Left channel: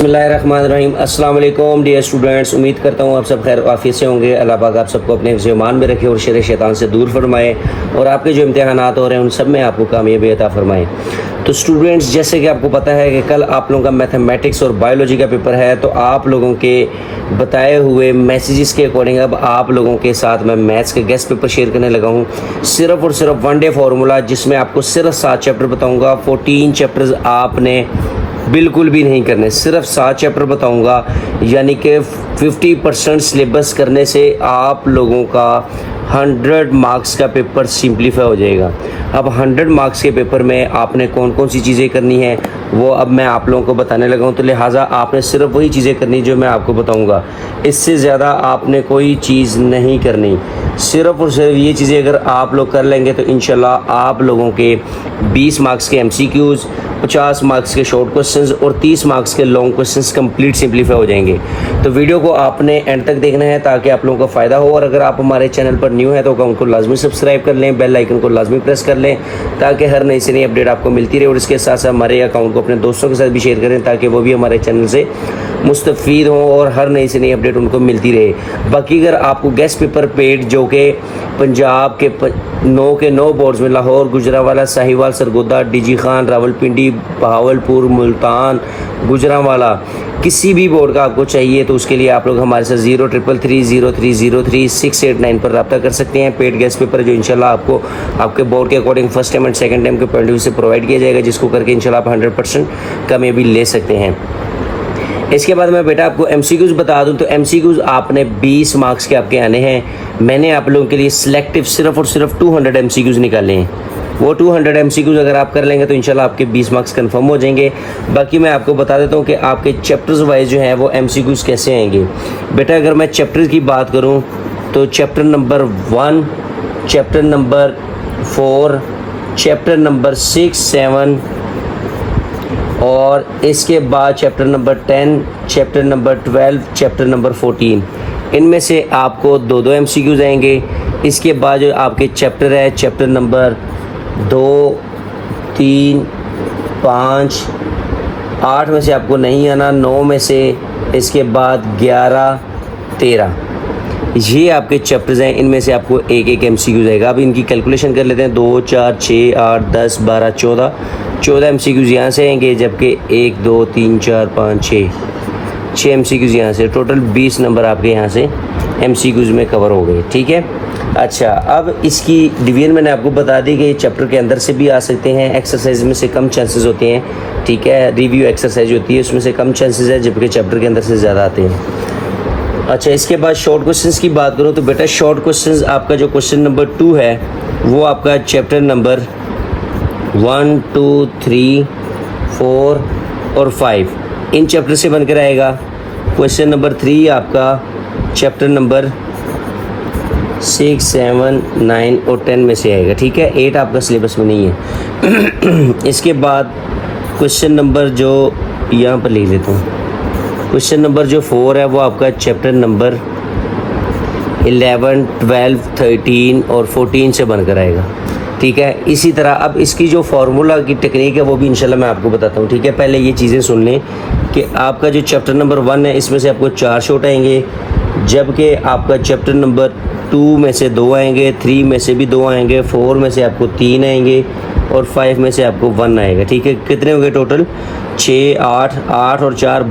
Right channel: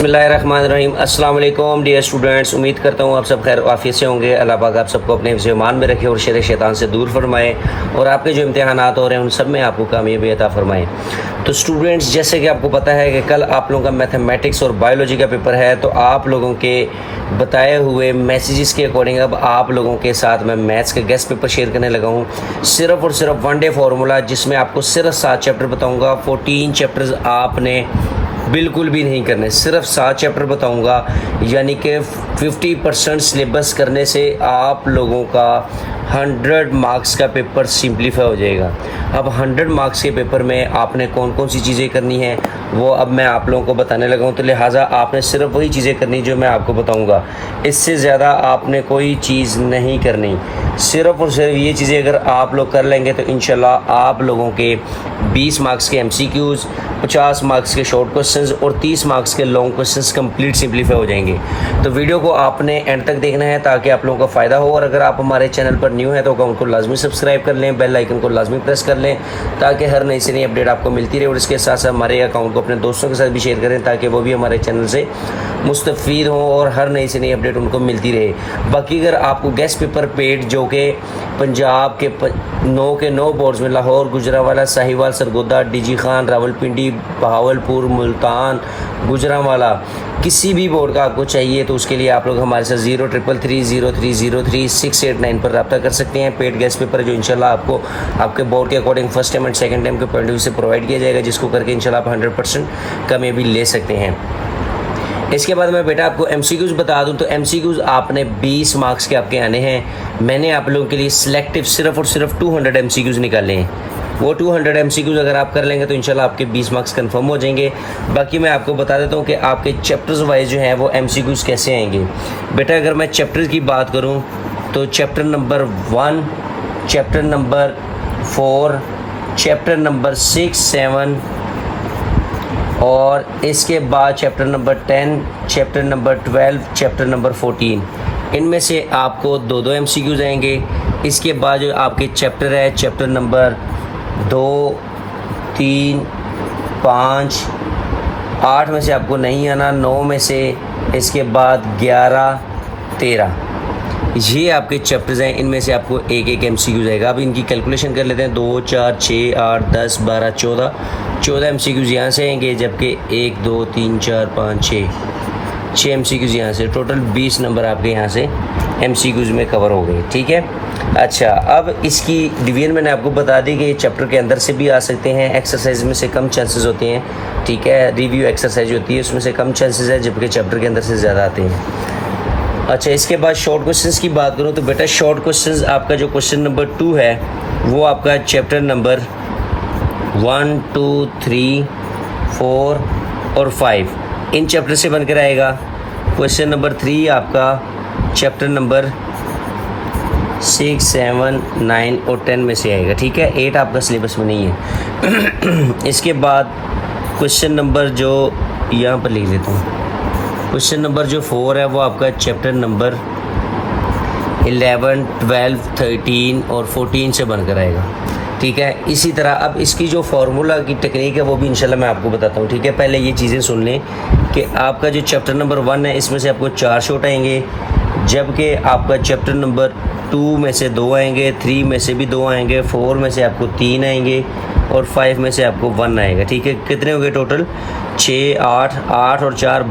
बिस्मिल्लाहिर्रहमानिर्रहीम। अस्सलाम वालेकुम डियर स्टूडेंट्स, उम्मीद करता हूँ आप सब खैर आफियत से होंगे। अल्लाह पाक आप सबको अपने ईमान में रखे और शर शैतान से दूर फरमाए और आपके जो इम्तिहानात हो रहे हैं उन सब में आपको कामयाबी अता फरमाए। तो स्टूडेंट्स, जैसे कि आपको पता है कि कल आप लोगों का मैथमेटिक्स और बायोलॉजी का पेपर है, तो आप लोगों के बताए हुए मैसेजेस के अकॉर्डिंग अब आप लोगों के साथ मैं मैथ्स का गेस्ट पेपर शेयर करने लगा हूँ। सिर्फ और सिर्फ वन डे फार्मूला, जिसमें आपको सिर्फ 7 चैप्टर बताऊँगा। 14 चैप्टर्स आपने बिल्कुल भी नहीं करने, सिर्फ 7 चैप्टर बताऊंगा, यानी कि 50% सिलेबस करने से आप लोगों का 100 मार्क्स का पेपर सिंप्लीफाई हो जाएगा। अब 100 मार्क्स के पेपर में आपने कौन कौन सी चीज़ें करनी है वो अब मैं आप लोगों को बताने लगा हूँ। तो लिहाजा आपने सिर्फ वही चीज़ें करनी जो मैं आपको बताऊँगा, इससे ज़्यादा आपने कोई चीज़ नहीं करनी। सिर्फ और सिर्फ ये चीज़ें अगर आप लोग कर लेंगे तो इंशाल्लाह आप लोगों के 20 मार्क्स के MCQs, 50 मार्क्स के शॉर्ट क्वेश्चंस और 30 मार्क्स के लॉन्ग क्वेश्चंस कंप्लीट सिंप्लीफाई हो जाएंगे। तो वीडियो को आपने एंड तक देखना है ताकि आप लोगों का फ़ायदा हो। और अगर आप हमारे चैनल पर न्यू है तो अकाउंट को लाजमी सब्सक्राइब कर लें, बेल आइकन को लाजमी प्रेस कर लें ताकि हर नई से नई अपडेट आपको मिलती रहे। और इसके साथ साथ हमारे अकाउंट को अपने दोस्तों के साथ भी शेयर करें ताकि वो भी हमारे चैनल से मुस्तफ़ीद हों और हर नई से नई अपडेट उनको मिलती रहे। बाकी अगर आपको गेस्ट पेपर पेड जो कि पंजाब के 9 के 9 बोर्ड्स में लाहौर, गुजरांवाला, साहिवाल, सरगोदा, डीजी खान, रावलपिंडी, बहावलपुर, मुल्तान, गुजरांवाला, किसी भी बोर्ड का आपको चाहिए तो उसके लिए आप लोग हमारे साथ 0333030689 पर रब्ता कर सकते हैं। पेड गेस्ट पेपर जो इंशाल्लाह आपको आपके बोर्ड के according first time and second time के पॉइंट ऑफ व्यू से प्रोवाइड किया जाएगा, जिसको करके इंशाल्लाह आप 100% कामयाबी ले सकते हैं। इसके बाद मैं बेटा आपको MCQs बता दूं तो MCQs आपने 20 मार्क्स के आपके आने हैं। मैंने आप लोगों के लिए सिलेक्टिव सिर्फ और सिर्फ 200 MCQs निकाले हैं। वो 200 MCQs अगर आप कर लेंगे तो इंशाल्लाह आपके 20 मार्क्स कंफर्म हो जाएंगे। बाकी मैं आपको बता देता हूँ कि आपके चैप्टर्स वाइज जो हैं वो MCQs कैसे आएंगे। बेटा अगर मैं चैप्टर की बात करूँ तो chapter number 1, chapter number 4, chapter number 6, 7 और इसके बाद chapter number 10, chapter number 12, chapter number 14, इनमें से आपको 2-2 MCQs आएंगे। इसके बाद जो आपके चैप्टर है चैप्टर नंबर 2, 3, 5, 8 में से आपको नहीं आना, 9 में से, इसके बाद 11, 13, ये आपके चैप्टर्स हैं। इनमें से आपको एक MCQ आएगा। अब इनकी कैलकुलेशन कर लेते हैं। 2, 4, 6, 8, 10, 12, 14 MCQ यहाँ से आएंगे, जबकि 1, 2, 3, 4, 5, 6 MCQ यहाँ से। टोटल 20 नंबर आपके यहाँ से MCQs में कवर हो गए। ठीक है, अच्छा अब इसकी डिवीजन मैंने आपको बता दी कि चैप्टर के अंदर से भी आ सकते हैं, एक्सरसाइज में से कम चांसेस होते हैं। ठीक है, रिव्यू एक्सरसाइज होती है उसमें से कम चांसेस है, जबकि चैप्टर के अंदर से ज़्यादा आते हैं। अच्छा, इसके बाद शॉर्ट क्वेश्चंस की बात करूं तो बेटा शॉर्ट क्वेश्चंस आपका जो क्वेश्चन नंबर 2 है वो आपका चैप्टर नंबर 1, 2, 3, 4 और 5 इन चैप्टर से बनकर आएगा। क्वेश्चन नंबर 3 आपका चैप्टर नंबर 6, 7, 9 और 10 में से आएगा। ठीक है, 8 आपका सिलेबस में नहीं है। इसके बाद क्वेश्चन नंबर जो यहाँ पर लिख लेता हूँ, क्वेश्चन नंबर जो 4 है वो आपका चैप्टर नंबर 11, 12, 13 और 14 से बनकर आएगा। ठीक है, इसी तरह अब इसकी जो फार्मूला की टेक्निक है वो भी इंशाल्लाह मैं आपको बताता हूँ। ठीक है, पहले ये चीज़ें सुन लें कि आपका जो चैप्टर नंबर 1 है इसमें से आपको 4 शॉर्ट आएंगे, जबकि आपका चैप्टर नंबर 2 में से 2 आएंगे, 3 में से भी 2 आएंगे, 4 में से आपको 3 आएंगे और 5 में से आपको 1 आएगा। ठीक है, कितने हो गए टोटल? 6, 8, 8 और 4,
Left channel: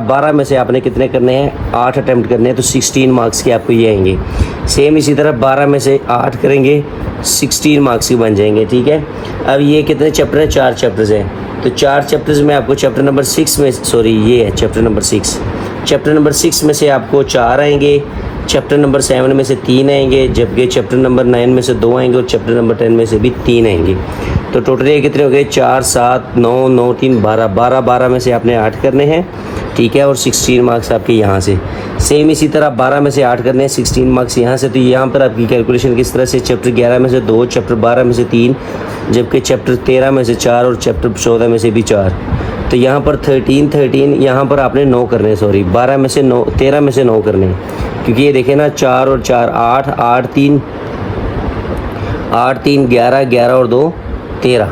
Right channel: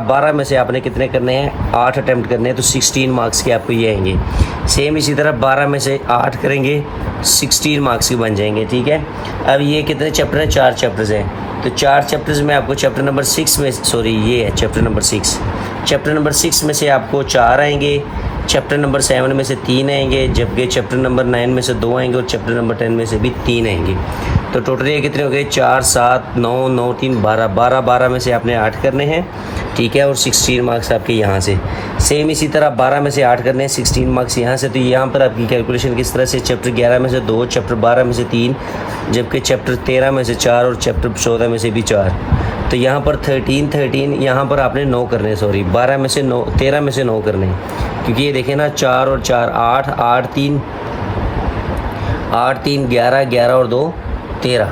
12 में से आपने कितने करने हैं? 8 अटैम्प्ट करने हैं, तो 16 मार्क्स के आपको ये आएंगे। सेम इसी तरह 12 में से 8 करेंगे, 16 मार्क्स के बन जाएंगे। ठीक है, अब ये कितने चैप्टर हैं? 4 चैप्टर्स हैं। तो 4 चैप्टर्स में आपको चैप्टर नंबर 6 में, सॉरी ये है चैप्टर नंबर 6, चैप्टर नंबर 6 में से आपको 4 आएंगे, चैप्टर नंबर 7 में से 3 आएंगे, जबकि चैप्टर नंबर 9 में से 2 आएंगे और चैप्टर नंबर 10 में से भी 3 आएंगे। तो टोटल ये कितने हो गए? 4, 7, 9, 9, 3, 12 में से आपने 8 करने हैं। ठीक है, और 16 मार्क्स आपके यहाँ से। सेम इसी तरह 12 में से 8 करने हैं, 16 मार्क्स यहाँ से। तो यहाँ पर आपकी कैलकुलेशन किस तरह से? चैप्टर 11 में से 2, चैप्टर 12 में से 3, जबकि चैप्टर 13 में से 4 और चैप्टर 14 में से भी 4। तो यहाँ पर 13 यहाँ पर आपने 9 करने हैं, सॉरी 12 में से 9, 13 में से 9 करने हैं, क्योंकि ये देखें ना 4 और 4 8, 8, 3, 11, 11 और 2 13।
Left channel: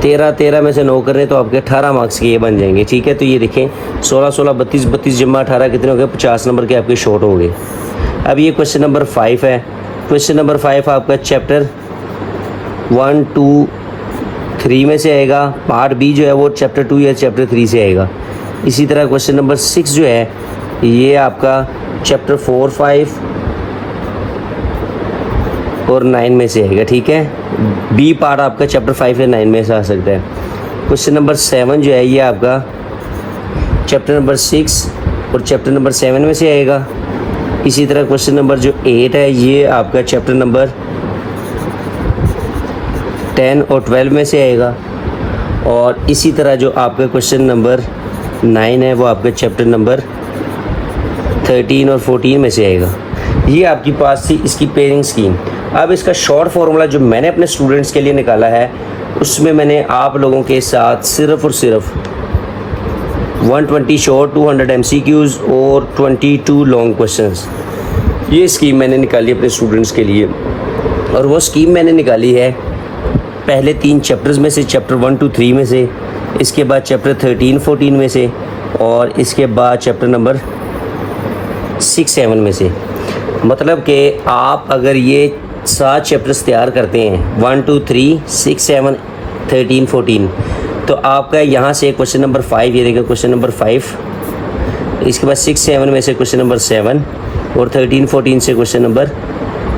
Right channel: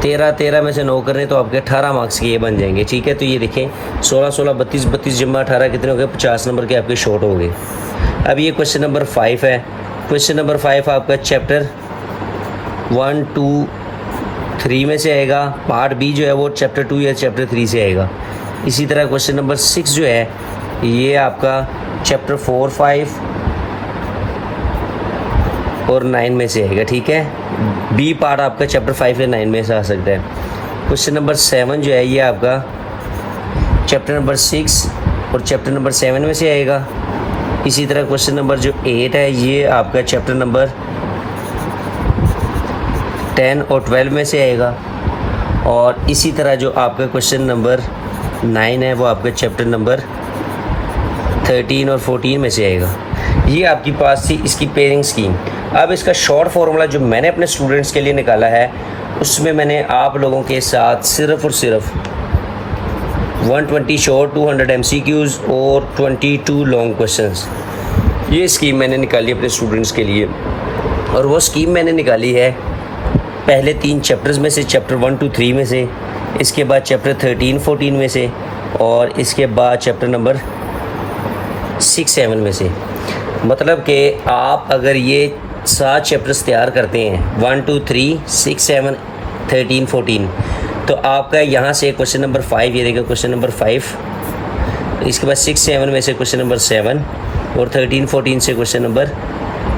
13 में से 9 कर रहे हैं तो आपके 18 मार्क्स के ये बन जाएंगे। ठीक है, तो ये देखें 16 16 32 32 जमा 18 कितने हो गए? 50 नंबर के आपके शॉर्ट हो गए। अब ये क्वेश्चन नंबर 5 है। क्वेश्चन नंबर 5 आपका चैप्टर 1 2 3 में से आएगा। पार्ट बी जो है वो चैप्टर 2 या चैप्टर 3 से आएगा। इसी तरह क्वेश्चन नंबर 6 जो है ये आपका चैप्टर 4 5 और 9 में से आएगा। ठीक है, बी पार्ट आपका चैप्टर 5 या 9 में से आ सकता है। क्वेश्चन नंबर 7 जो है ये आपका चैप्टर नंबर 6 और चैप्टर नंबर 7 में से आएगा। इसी तरह क्वेश्चन नंबर जो 8 है ये आपका चैप्टर नंबर 10 और 12 में से आएगा। और इसी तरह जो आपका क्वेश्चन नंबर 9 है वो आपका चैप्टर नंबर 13 और 14 में से आएगा। ये आपके पास थी इसकी पेयरिंग स्कीम। अब इसका शॉर्ट फार्मूला जो मैंने अपने स्टूडेंट्स के लिए निकाला है उसमें मैंने आप लोगों के साथ सिर्फ और सिर्फ 120 शॉर्ट, 200 MCQs और 22 लॉन्ग क्वेश्चंस, ये स्कीम मैंने निकाली अपने स्टूडेंट्स के लिए। और वो स्कीम मैंने निकाली है पहले 3 चैप्टर्स में से, चैप्टर 1 2 3 में से, इसके बाद चैप्टर 13 14 में से, और इसके बाद चैप्टर नंबर 6 7 में से। मतलब कि आप अगर ये 7 चैप्टर्स तैयार करते हैं 1 2 3 6 7 13 14, तो आपका यहाँ से क्वेश्चन नंबर 5, ये देखिए क्वेश्चन नंबर 5, इसके बाद 6 7 में से क्वेश्चन नंबर 7 और 13 14 से क्वेश्चन नंबर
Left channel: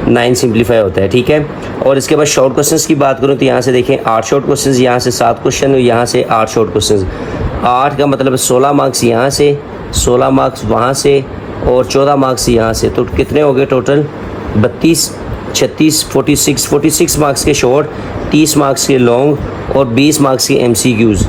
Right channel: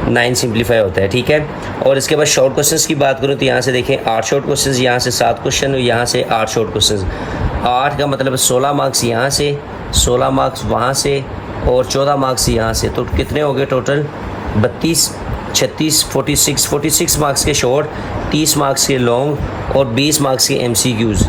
9 सिंप्लीफाई होता है। ठीक है, और इसके बाद शॉर्ट क्वेश्चंस की बात करूँ तो यहाँ से देखें 8 शॉर्ट क्वेश्चंस, यहाँ से 7 क्वेश्चन, यहाँ से 8 शॉर्ट क्वेश्चंस। 8 का मतलब 16 मार्क्स यहाँ से, 16 मार्क्स वहाँ से और 14 मार्क्स यहाँ से, तो कितने हो गए टोटल? 32 36 46 मार्क्स के शॉर्ट, 30 मार्क्स के लॉन्ग और 20 मार्क्स के MCQs।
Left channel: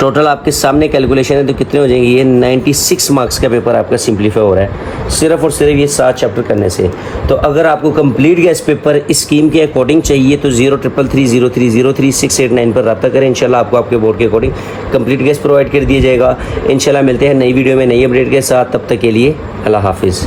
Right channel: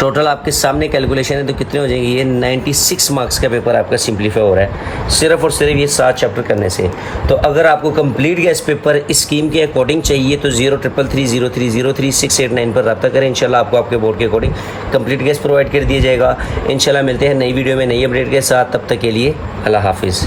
टोटल आपके सामने कैलकुलेशन है तो कितने हो जाएंगे? ये 96 मार्क्स का पेपर आपका सिंप्लीफाई हो रहा है सिर्फ और सिर्फ ये 7 चैप्टर करने से। तो अगर आपको कंप्लीट गैस पेपर इस स्कीम के अकॉर्डिंग चाहिए तो 0333030689 पर रब्ता करें। इंशाल्लाह आपको आपके बोर्ड के अकॉर्डिंग कंप्लीट गैस प्रोवाइड कर दिया जाएगा। इंशाल्लाह मिलते हैं नई वीडियो में नई अपडेट के साथ। तब तक के लिए अल्लाह हाफिज़।